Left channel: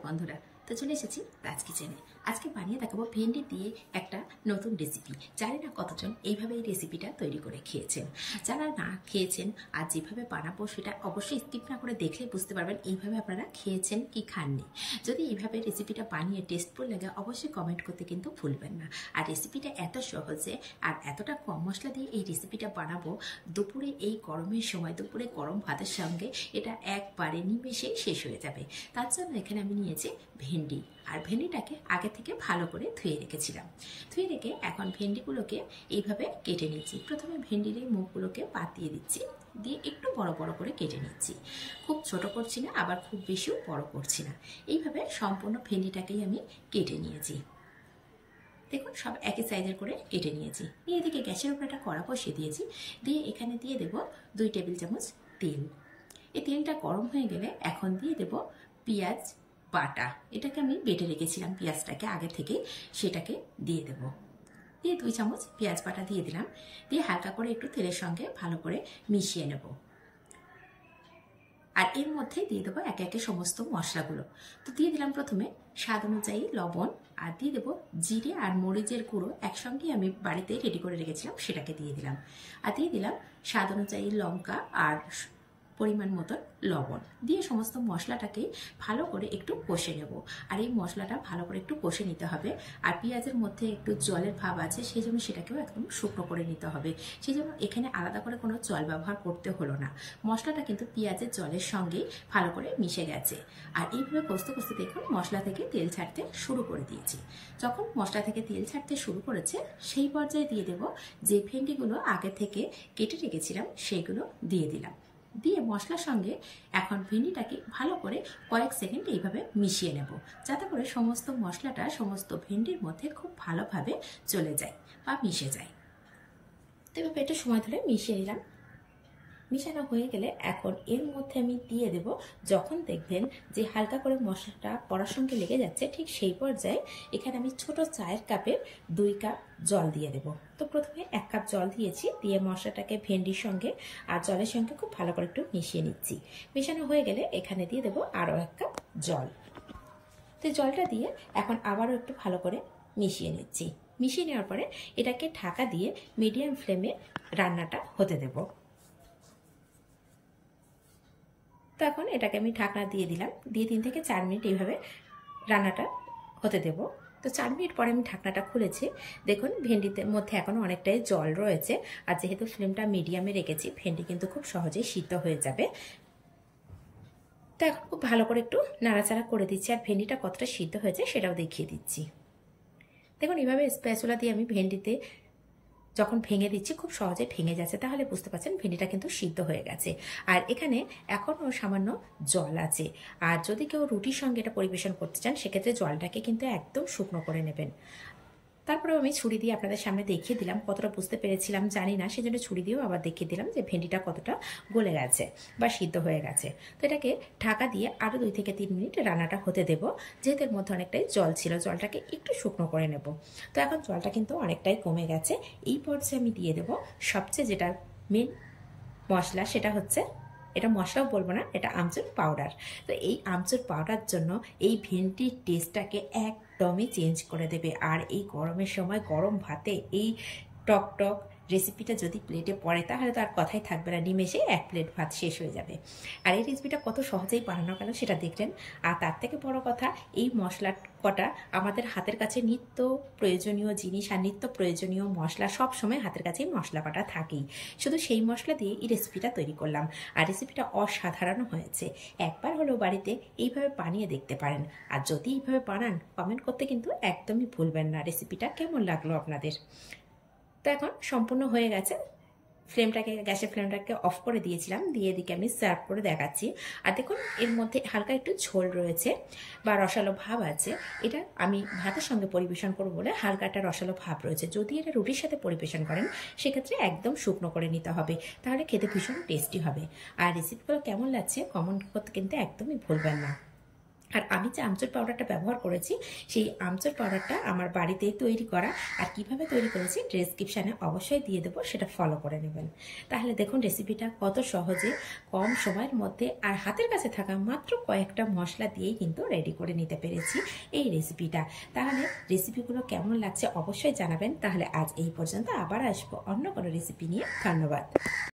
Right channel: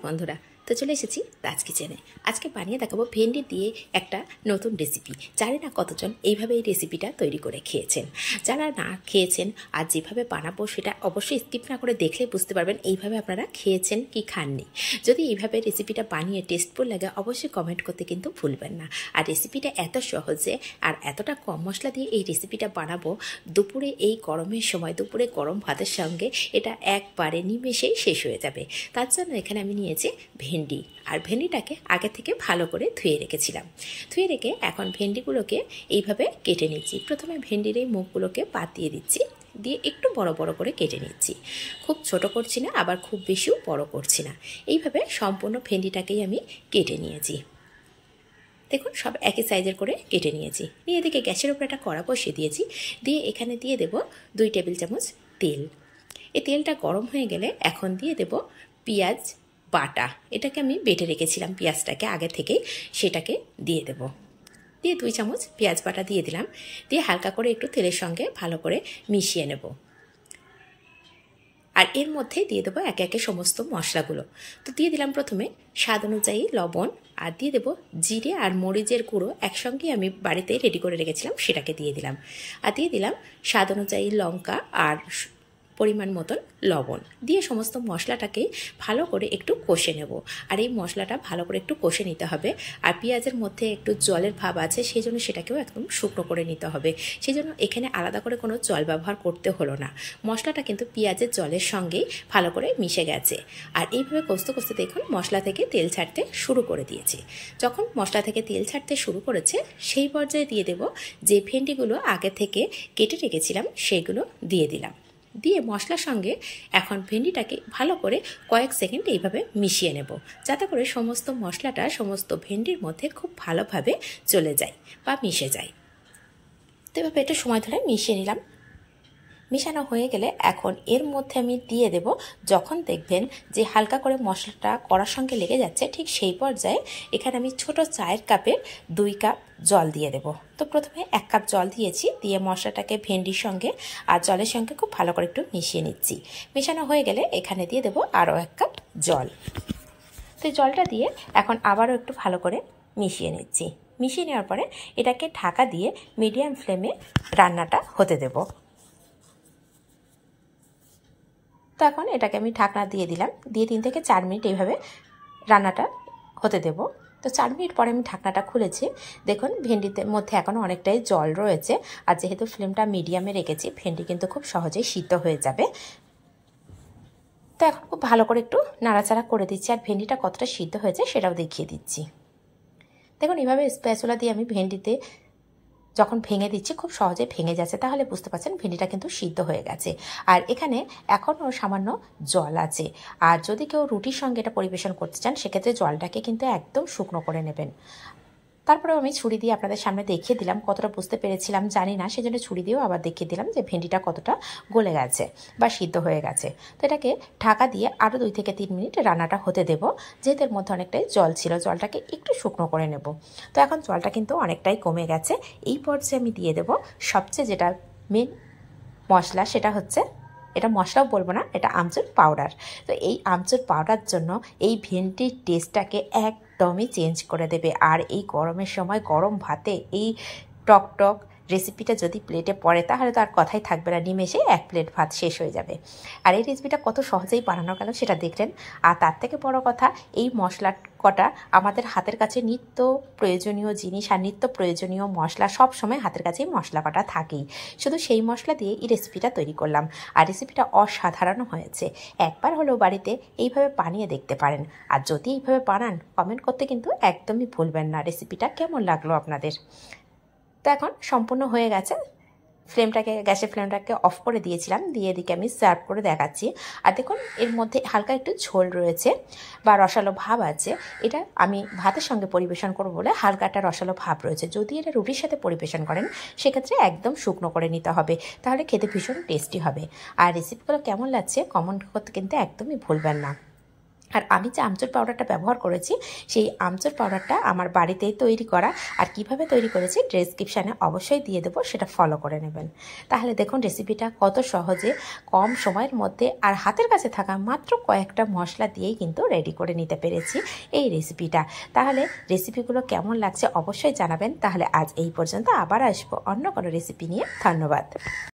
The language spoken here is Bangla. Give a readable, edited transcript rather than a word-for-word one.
নমস্কার বন্ধুরা, তো চলে এসেছি রাজ কিচেনে। আজকে বানিয়ে দেখাবো ভেন্ডি দিয়ে একটা নতুন রেসিপি। জানি না কতজন এইভাবে এই রেসিপিটা তৈরি করে খেয়েছেন। যারা না খেয়েছেন আর যেভাবে বানাবো সেটা অবশ্যই স্কিপ না করে দেখলে বুঝতে পারবেন এইভাবে আপনারা খেয়েছেন কি খাননি। যদি এইভাবে রেসিপিটা বানিয়ে টেস্টফুল লাগে অবশ্যই কমেন্ট করতে কিন্তু ভুলবেন না। আর রেসিপিটা এত সহজে আর এতটা কম মশলা দিয়ে এই রেসিপিটা বানাবো, দুপুরে এই গরমের সময় দুপুরে গরম ভাতের সঙ্গে এটা একবারে নিমেষেই শেষ হয়ে যাবে। তার জন্য এখানে আমি নিয়েছি ভেন্ডি, আর ভেন্ডিটাকে আগে থেকে ভালো করে ধুয়ে রেখেছিলাম। ধুয়ে রেখে এখন ভেন্ডিগুলোকে এইভাবে কেটে নিচ্ছি। প্রথমে ভেন্ডির এই মুখগুলোকে পাতিয়ে দিচ্ছি, দিয়ে একটু বড় বড় করে কেটে নিচ্ছি। খুব ছোট করছি না, আবার খুব বেশিও বড় করছি না। এইভাবে সম্পূর্ণ ভেন্ডিটাকেই আমি কেটে নিয়েছি। দেখুন সব একই সাইজের করে কেটে নিয়েছি। নিয়ে এদিকে গ্যাসের উপরে একটা কড়া বসিয়ে দিয়েছি, দিয়ে এখানে দিয়ে দেব 2 টেবিল চামচ তেল। এই তেলটা গরম হয়ে গেলে এখন দিয়ে দেব পেঁয়াজ বাটা। এটাকে আমি বেটে রেখেছিলাম পেঁয়াজটাকে আগে থেকেই, সেটাকে দিয়ে দেব। দিয়ে 2 চামচ পেঁয়াজ বাটা দিয়ে দিলাম। দিয়ে হালকা করে একটু তেলের সঙ্গে ভালো করে মিশিয়ে নেব। আর এর মধ্যে দিয়ে দেবো একে একে সমস্ত মশলাগুলো। তো দিয়ে দিলাম প্রথমে স্বাদ অনুযায়ী লবণ, আর দিয়ে দেবো জিরে আর মরিচের গুঁড়ো একসঙ্গে আমি বাড়িতে রেডি করে রেখেছিলাম, সেটাকে দিয়ে দিলাম। আর দিয়ে দিলাম স্বাদ অনুযায়ী লঙ্কা আর পরিমাণ মতন লবণ। দিয়ে সমস্ত মশলাটাকে ভালো করে একটু কষে নেব। আর এই মশলাটা ভালো করে একটু কষে নিতে হবে। আর পেঁয়াজের মধ্যে একটু জলের ভাব আছে, সেই জন্য সেটাকেও একদম শুকনো করে নিতে হবে। সেই জন্য এখানে আলাদা করে কোনো জল ব্যবহার করতে হলো না। মশলাটা কিন্তু পেঁয়াজের জলের সঙ্গেই ভালো করে মিশে গেছে। আর এইভাবে কষতে কষতে দেখুন মশলা থেকে তেল ছাড়তে শুরু করে দিয়েছে। যখন মশলা থেকে তেল ছাড়তে শুরু করেছে সেই পর্যায়ে দিয়ে দেব যে ভেন্ডিগুলো আগে থেকে কেটে রেখেছিলাম সেইগুলো দিয়ে দিলাম। দিয়ে মশলার সঙ্গে এখন ভেন্ডিটাকে ভালো করে কয়েক সেকেন্ড এইভাবে মিশিয়ে নেব, যাতে করে সমস্ত মশলাটা সমস্ত ভেন্ডির মধ্যে খুব ভালোভাবে চলে যায় বা মিশে যায়। তো এভাবে একটু সময় ধরে মিশিয়ে নিলাম। মিশানো হয়ে গেলে এখন এর মধ্যে আমি দিয়ে দেব, যখন দেখবেন যে হালকা করে মশলাটা কড়ার সঙ্গে লেগে যাচ্ছে ঠিক সেই পর্যায়ে এখানে আমি ছোট চায়ের কাপের 2 কাপ জল দিয়ে দেব। তো প্রথমে 1 কাপ জল দিয়েছি, দিয়ে মশলাটাকে ভেন্ডির সঙ্গে আর জলের সঙ্গে খুব ভালো করে একটু মিশিয়ে নিচ্ছি। মেশানো হয়ে গেলে এখানে দিয়ে দেব আরও 1 কাপ জল। তো জলটা দিয়ে এখন আবারও একটু ভালো করে মিশিয়ে নিচ্ছি। মিশিয়ে নেওয়ার পরে এটাকে ঢাকা দিয়ে মিডিয়াম ফ্লেমে রান্নাটা হতে দেব। তো এখন এটাকে আমি ঢাকনা দিয়ে দিলাম, দিয়ে 3 থেকে 4 মিনিট এইভাবে রান্নাটা হতে দেব। তো 4 মিনিট পরে আমি ঢাকনাটা খুলেছি। দেখুন ভেন্ডিতে মধ্যে এখনও অনেকটাই জল রয়েছে, আর যেহেতু ফ্লেমটা মিডিয়ামে রেখেছি ভেন্ডি কিন্তু খুব সহজেই সিদ্ধ হয়ে যাবে। তো এখন খুব ভালো করে একটু নাড়াচাড়া করে দিচ্ছি, আর ভেন্ডিটা কতটা সিদ্ধ হয়েছে সেটাও দেখিয়ে দিচ্ছি। দেখুন এইভাবে স্প্যাচুলা দিয়ে আমি ভেন্ডিতে যখন ভেঙে দিচ্ছি খুব সহজে ভেঙে যাচ্ছে, তাহলে বুঝতে পারছেন ভেন্ডিটা কিন্তু সিদ্ধ হয়ে গেছে। আর এখানে এখনও সামান্য জল আছে। আর যদি কেউ রুটির সঙ্গে এটা পরিবেশন করতে চান সেক্ষেত্রে জলটাকে কিন্তু একদম শুকনো করে নেবেন। তারপরেও আমি ছুরি দিয়ে আপনাদের সামনে দেখিয়ে দিলাম, কতটা বুঝতে পেরেছিলাম জানি না, সেজন্য ছুরি দিয়েও আবার দেখিয়ে দিলাম যে ভেন্ডিটা কতটা গলে গেছে বা সিদ্ধ হয়ে গেছে। তো এটাকে ঢাকা দিয়ে আরও 2 থেকে 3 মিনিট রান্নাটা হতে দেব। যেহেতু এর মধ্যে অনেকটাই জল ছিল, জলটাকে একটু শুকনো করে নেব। তো এখন জলটা কিন্তু অনেকটাই কমে গেছে। এই পর্যায়ে আমি দিয়ে দেব সবচেয়ে যেটা মেন মশলা, সেটা হচ্ছে, এটা মশলাও বলবো না, এটা আমচুর পাউডার। তো এই আমচুর পাউডার জন্য এই ভেন্ডির টেস্টটাকে একদমই চেঞ্জ করে দেবে। আর এই গরমের সময় গরম ভাতে এই টক টক রেসিপিটা যদি প্লেটে পড়ে তাহলে তো আর কথাই থাকবে না, নিমেষে 1 প্লেট ভাত শেষ হয়ে যাবে। আর এই রেসিপিটা কত সহজেই বানানো গেল সেটা দেখলেন। আর তার থেকে বড় কথা, এই মশলা কটা আমাদের হাতের কাছে নিত্য প্রয়োজনীয় জিনিস, আর নিত্য প্রয়োজনীয় মশলা সব সময় হাতের কাছেই মশলা কটা থাকেই। শুধু সেই মশলা দিয়ে এই রেসিপিটা তৈরি করলাম, আর রেসিপিটা অসাধারণ হয়েছে। একবার হলেও বাড়িতে এইভাবে বানিয়ে দেখতে পারেন। আর যদি এইভাবে বানান কমেন্ট করতে কিন্তু একদমই ভুলবেন না রেসিপিটা কেমন লাগলো আপনাদের। তো এখন সম্পূর্ণ হয়ে গেছে। গ্যাসের ফ্লেমটাকে অফ করে দিয়েছিলাম, দিয়ে এদিকে আমি সার্ভ করে দেখাচ্ছি। আর দেখুন এর মধ্যে হালকা একটু ঝোল রয়েছে বা রসালো ভাব আছে। এটা আমি ভাতের সঙ্গে পরিবেশন করব বলে হালকা একটা রসালো ভাব রয়েছে। যদি এটা রুটির সাথে পরিবেশন করেন সেক্ষেত্রে একদম শুকনো করে নিতে হবে, তাহলে খেতে ভীষণ টেস্টি হবে। আর রেসিপিগুলো কেমন লাগছে কমেন্ট করতে কিন্তু একদমই ভুলবেন না। আর আমি যে আমচুর পাউডারটা ব্যবহার করেছি সেই আমচুর পাউডারটা আমার বাড়িতেই তৈরি করা। আর কিভাবে তৈরি করেছি ডেসক্রিপশানে অবশ্যই দিয়ে দেবো, সেটা ফলো করে নেবেন। তাহলে দেখুন রেসিপিটা কত সহজে কম সময়ের মধ্যে আর হাতের কাছে থাকা মাত্র কয়েকটা মশলা দিয়েই কিন্তু রেডি করে নিতে পেরেছি এই রেসিপিটা। তাহলে রেসিপিগুলো কেমন লাগছে অবশ্যই জানাবেন। তাহলে আজ এই পর্যন্ত, আবার আসবো অন্য কোনো রেসিপি নিয়ে। ধন্যবাদ।